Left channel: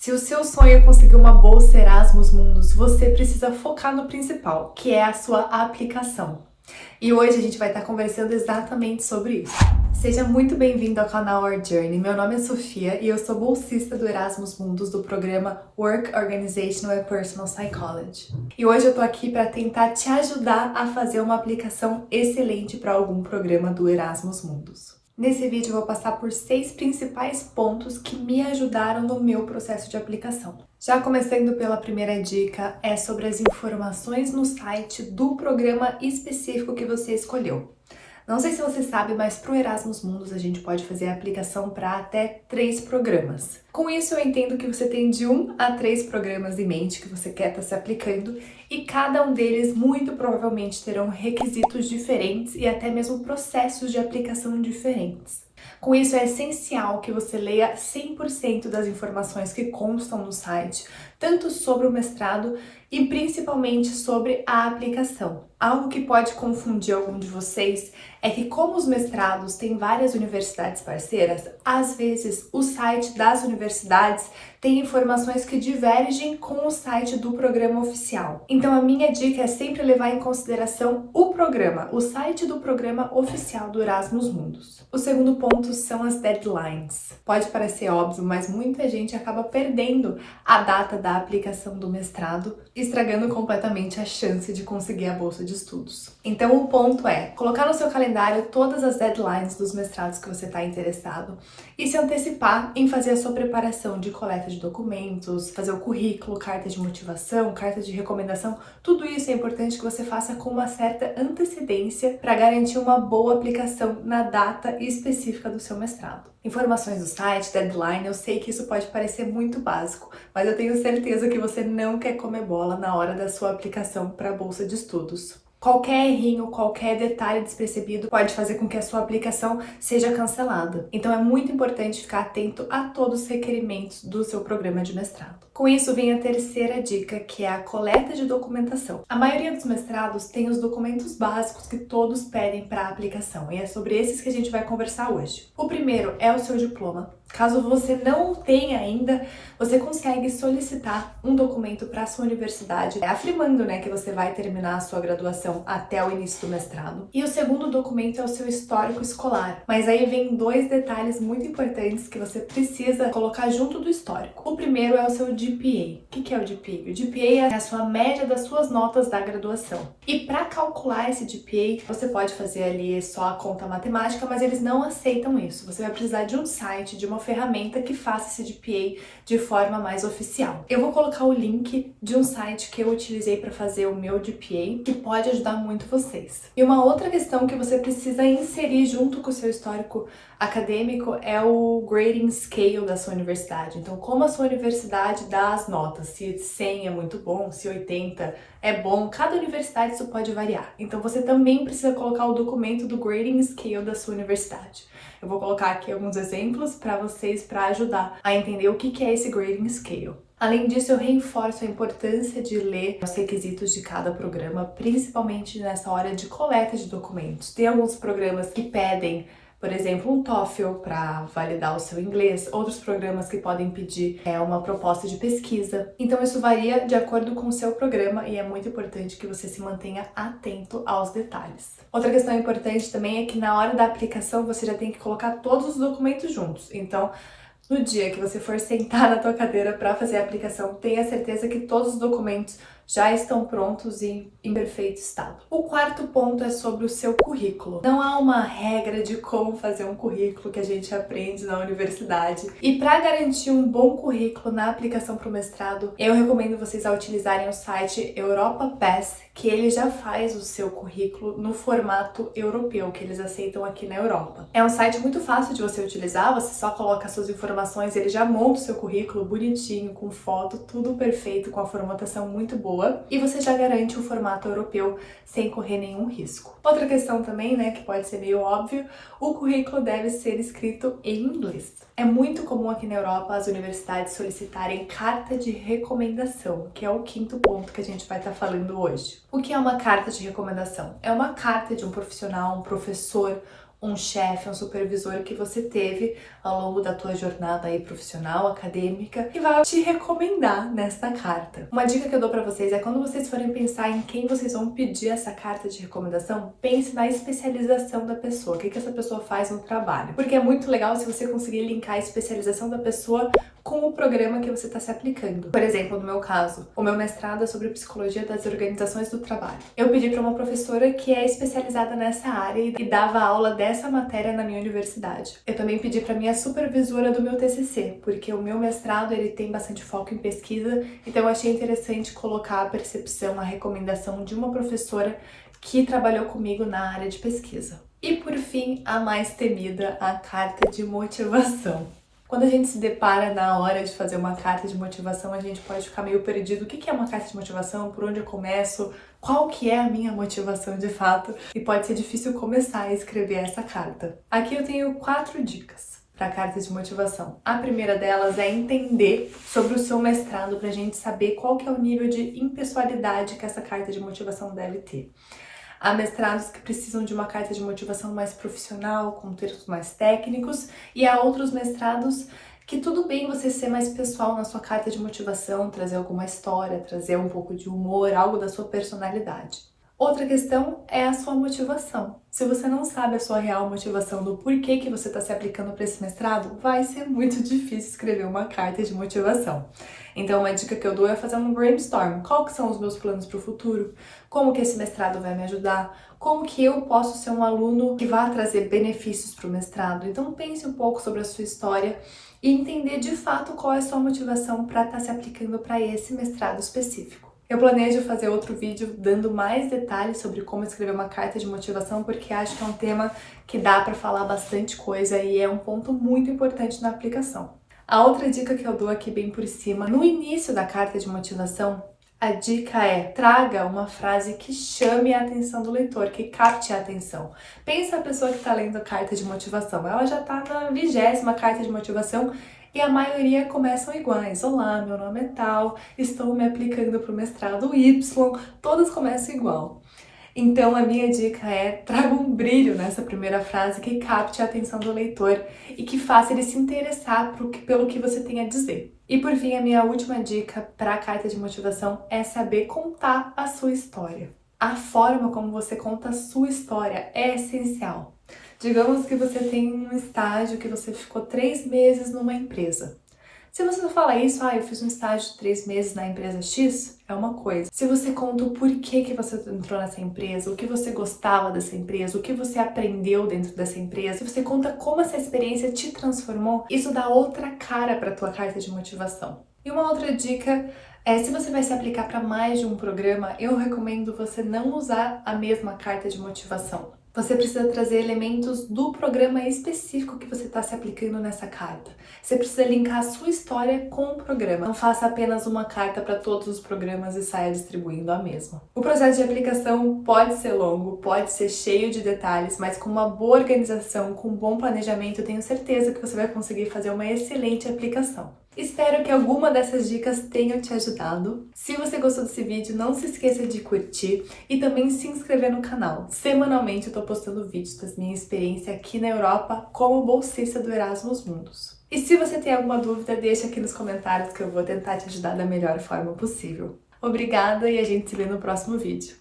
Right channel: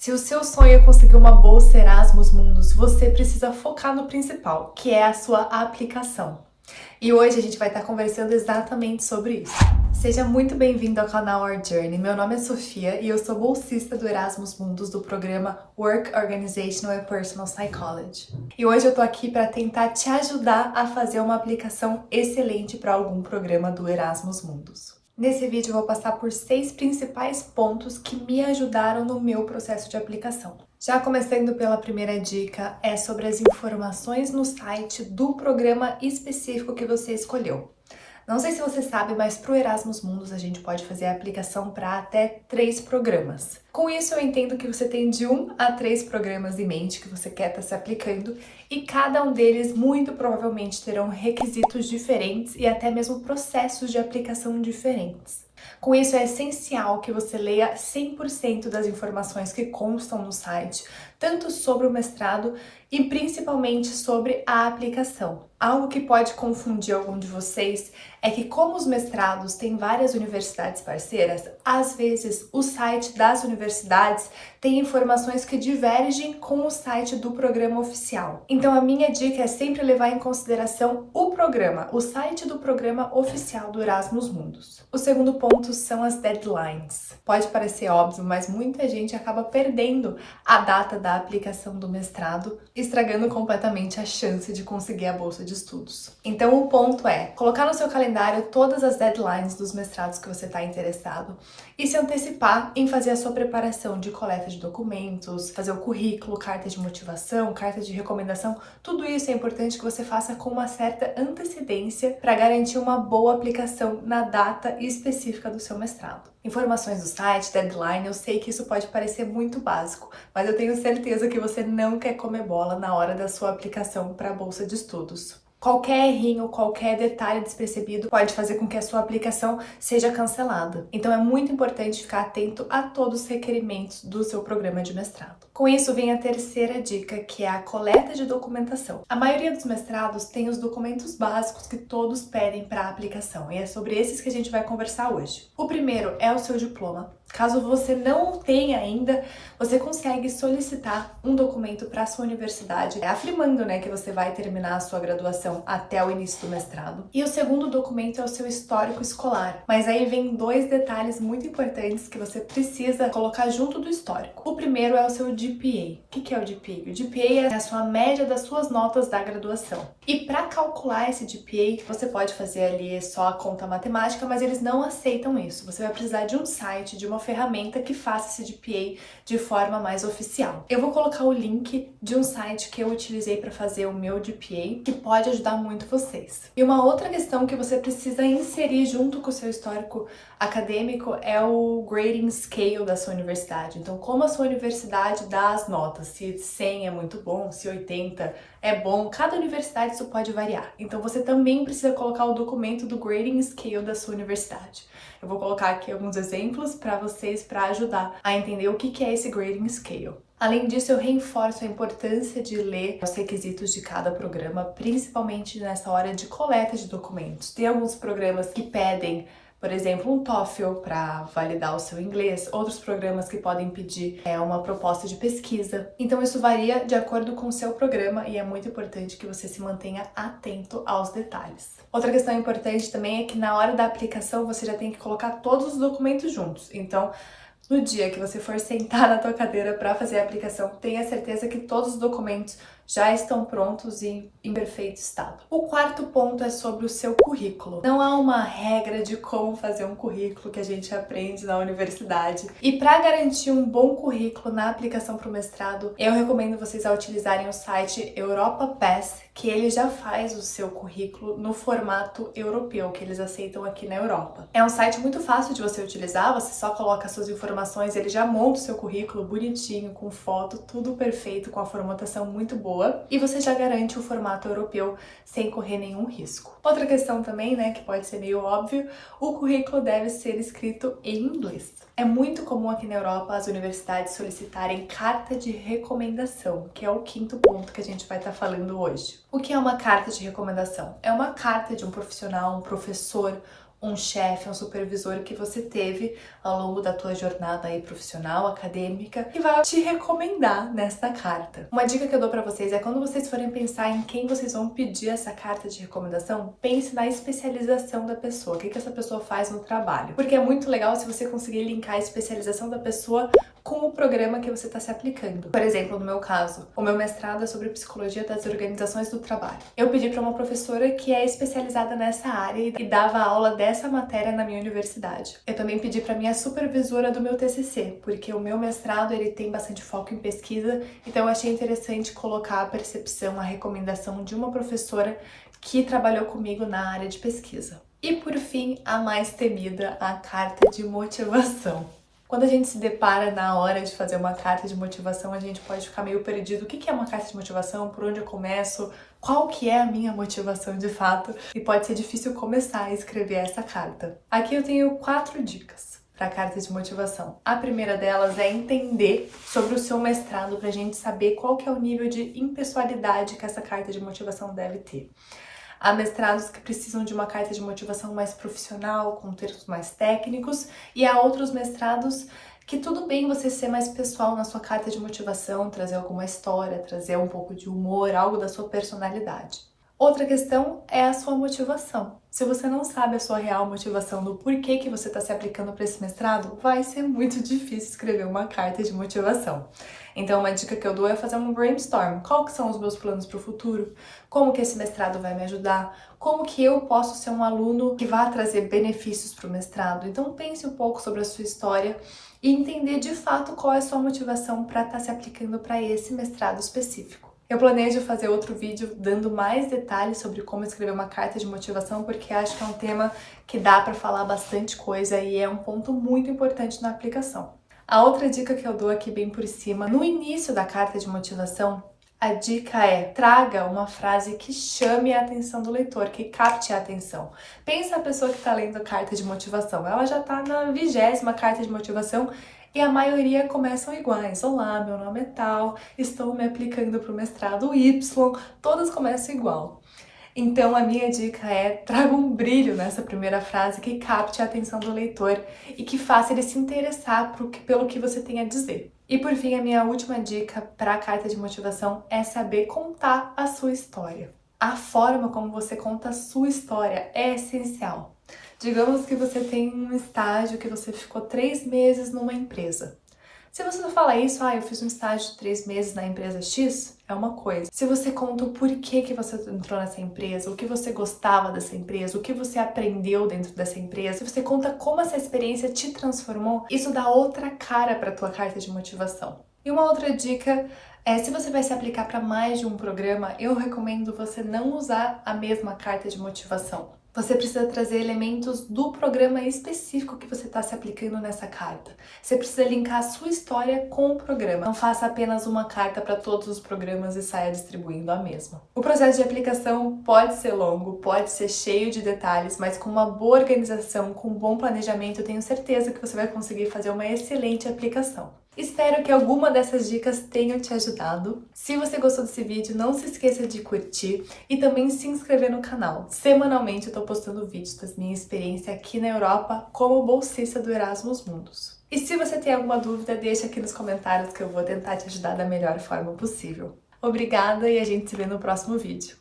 Se o seu sonho é conseguir uma bolsa Erasmus Mundus, você precisa focar no principal, que é a sua aplicação. E hoje a gente vai estar conversando exatamente sobre isso. Seja muito bem-vindo ao canal Our Journey. Meu nome é Sofia e eu sou bolsista do Erasmus Mundus do programa Work, Organizational and Personal Psychology. E hoje eu tô aqui para tentar te ajudar a fazer uma aplicação excelente para algum programa do Erasmus Mundus. Nesse vídeo eu vou passar por 6 principais pontos que me ajudaram no meu processo de aplicação. Já começando pela primeira dica, é sobre as informações no site do programa específico que você escolheu. Não sei se você sabe, mas para o Erasmus Mundus a gente pode fazer a aplicação para até 3 programas. Com isso eu entendo que você tem de 1 a 3 programas em mente que você quer estar se aplicando e cada um deles muito provavelmente terão requisitos diferentes e até mesmo processos de aplicação diferentes. Com isso é essencial que você leia 100% das informações que constam no site, tanto sobre o mestrado e principalmente sobre a aplicação. Algo que pode confundir algum de vocês é que como os mestrados têm várias universidades parceiras, às vezes o site das universidades tem informações que divergem com o site do programa oficial. Então a minha dica é sempre levar em consideração o programa, o site do programa oficial do Erasmus Mundus. O segundo ponto são as deadlines. Pode parecer óbvio, mas muita gente acaba perdendo a data da aplicação do mestrado, estragando completamente a chance de conseguir a bolsa de estudos. Então o ponto é colocar no seu calendário todas as deadlines dos mestrados que você está interessado e se antecipar em fazer a sua preparação de coleta de documentos, fazer o currículo, carta de motivação, carta de recomendação. Tudo isso é importante que você faça com uma certa antecedência para garantir uma boa aplicação na data específica do seu mestrado. Informações do site, deadline, eu sei que isso pode parecer muito básico, mas eu tenho certeza que você não quer comer bola na hora da sua aplicação para a bolsa de estudos. Qualquer errinho, qualquer detalhe despercebido pode fazer com que a sua aplicação seja cancelada. Então é muito importante ficar atento a todos os requerimentos do seu programa de mestrado. Com isso vem a terceira dica, que é a coleta de documentação. A maioria dos mestrados tem os documentos básicos que todos pedem para a aplicação, e é sobre esses que a gente vai conversar hoje. O primeiro é o seu diploma. Caso você não tenha ainda, você consegue solicitar um documento para a sua universidade, afirmando, que você vai terminar a sua graduação até o início do mestrado. E o segundo documento é o seu histórico escolar. Mas aí vem 2 detalhes muito importantes que você precisa colocar junto do histórico. O primeiro é o seu GPA. O que é o GPA? O GPA é a sua média das suas notas da graduação. E para calcular esse GPA, você pode fazer ali só a conta matemática, mas eles não aceitam isso. Você vai precisar de um site, de uma ferramenta que faça esse GPA de forma mais oficial. Eu vou colocar o link de um site que eu utilizei para fazer o meu GPA, que pode ajudar muito vocês. E uma outra questão que você precisa inserir junto com o seu histórico acadêmico é o grading scale da sua universidade. Então, como a sua universidade dá as notas, se 100 é muito bom, se 80 é bom, cada universidade isso pode variar. Então, você também precisa colocar o documento do grading scale da sua universidade. Eu vou colocar aqui alguns exemplos para vocês para ajudar a entender o que é esse grading scale. Além disso, eu reforço a importância de ler os requisitos de cada programa, principalmente nessa hora de coleta de documentos. Tem alguns programas que pedem, por exemplo, um TOEFL para validar o seu inglês, outros programas que podem pedir uma proposta de pesquisa. Então isso varia de acordo com o seu programa e é muito importante que você se mantenha atento aos detalhes. Outra questão importante também é que na hora da aplicação você já tem que colocar todos os documentos juntos. Então, no dia que você for sentar na tua cadeira para fazer a aplicação, tenha certeza que todos os documentos já estão prontos e em perfeito estado. O quarto ponto é sobre o seu currículo. Não há uma regra de como fazer um currículo que a gente aprende na universidade. E para garantir um bom currículo na aplicação para o mestrado, eu recomendo vocês a utilizarem o site Europa Pass, que ele já faz o seu currículo no formato europeu, que eles aceitam aqui na Europa. É um site muito fácil de você utilizar, você só coloca suas informações, ele já monta o seu currículo bonitinho, com foto, tudo perfeito, com a formatação muito boa. E você já garante o formato europeu sem correr nenhum risco. Outra questão também, que pode ser meio óbvio, o currículo deve ser escrito em inglês. É muito comum aqui na Europa as universidades solicitarem carta de recomendação, que é o quinto ponto que a gente vai estar falando hoje. O que é uma carta de recomendação? É uma carta de um profissional, um professor, um chefe, um supervisor que você teve ao longo da tua jornada aí profissional, acadêmica, que vai te recomendar nesta carta. Uma dica que eu dou para vocês é quando vocês forem pensar em quem vocês vão pedir essa carta de recomendação, pense na especialização da pessoa, o que essa pessoa faz no trabalho. Porque é muito legal se você conseguir linkar a especialização da pessoa com o programa que você está se aplicando. Por exemplo, no meu caso, o meu mestrado é sobre psicologia das organizações do trabalho. Eu pedi para uma professora que é especializada nessa área e dava aula dessa matéria na minha universidade. Eu também pedi para minha supervisora do meu TCC, porque o meu mestrado ele tem bastante foco em pesquisa, então eu achei interessante colocar a percepção, a recomendação de uma professora que trabalhou comigo na área de pesquisa. E por fim, a mais temida, a carta de motivação. Quando a gente se depara na hora de fazer uma carta de motivação, a gente pode ficar meio perdido. O que é uma carta de motivação? Por onde eu começo? Qual que é a minha motivação de fato? E pode ser difícil começar a escrever essa carta. Aqui eu tenho 4 dicas para a carta de motivação. A primeira delas é entender sobre o seu mestrado para a gente saber qual que é o nível de impessoalidade que essa carta de motivação deve ter. Há mestrados que precisam de uma carta de motivação mais profissional, com termos mais técnicos, e há outros mestrados que tudo bem você ser mais pessoal na sua carta de motivação, trazer alguma história, trazer um pouco de humor, algo da sua personalidade. Outra questão é a sua motivação. Se você não sabe a sua real motivação do porquê que você está se aplicando para esse mestrado, vai ser muito difícil escrever uma carta de motivação. Então, uma dica que eu dou é fazer um brainstorm. Qual que são os meus planos para o futuro? Como que esse mestrado vai me ajudar? Como que eu posso ser um aluno que vai trazer benefícios para o mestrado? Então, pense um pouco sobre a sua história e entender de fato qual é a sua motivação para estar se aplicando para esse mestrado específico. Eu planejo fazer outro vídeo dando mais detalhes sobre como escrever uma carta de motivação, porque acho que é um tema que dá para falar bastante coisa e é um ponto muito importante na aplicação. A outra dica que eu dou aqui bem por cima, no início da carta de motivação, a dica é: traga uma frase que chame a atenção do leitor, que capte a atenção. Pensa a pessoa que está lendo a carta de motivação, ela já está na 20ª carta de motivação e a maioria começam iguais. Olá, meu nome é tal, estou me aplicando para o mestrado Y, todas começam igual. Então a minha dica é: traga um brilho nessa primeira frase que capte a atenção do leitor e que faça ele se interessar pelo que você tem a dizer. E por fim, a minha última dica para a carta de motivação é saber contar a sua história. A forma como você conta a sua história é essencial. Digamos que você tem um estágio que você ficou 3 meses numa empresa. Se você fala isso, eu fiz um estágio de 3 meses na empresa X, é uma coisa. Se você conta o porquê que você entrou nessa empresa, o que você gostava dessa empresa, o que você aprendeu dentro dessa empresa, se você conta como essa experiência te transformou, isso dá outra cara para a tua carta de motivação. E uma outra dica é, se você vai se aplicar para mais de um programa, eu recomendo você não usar a mesma carta de motivação. Você precisa trazer elementos do programa específico que você está se aplicando nessa carta. Você precisa linkar a sua história com o programa. Não faça apenas uma carta para todos os programas e saia distribuindo a mesma. O processo de aplicação pode ser longo, pode ser cheio de detalhes, mas com uma boa organização, com um bom planejamento, eu tenho certeza que você vai conseguir fazer uma excelente aplicação. Espero que alguma dessas dicas tenham te ajudado. Se você gostou desse vídeo, não se esqueça de curtir e também se inscrever no canal. Semanalmente eu tô postando vídeos da minha experiência aqui na Europa como bolsista do Erasmus Mundus. E se você tem alguma dúvida, deixa aqui nos comentários que eu vou tentar te ajudar da melhor forma possível. Obrigada e a gente se vê no próximo vídeo.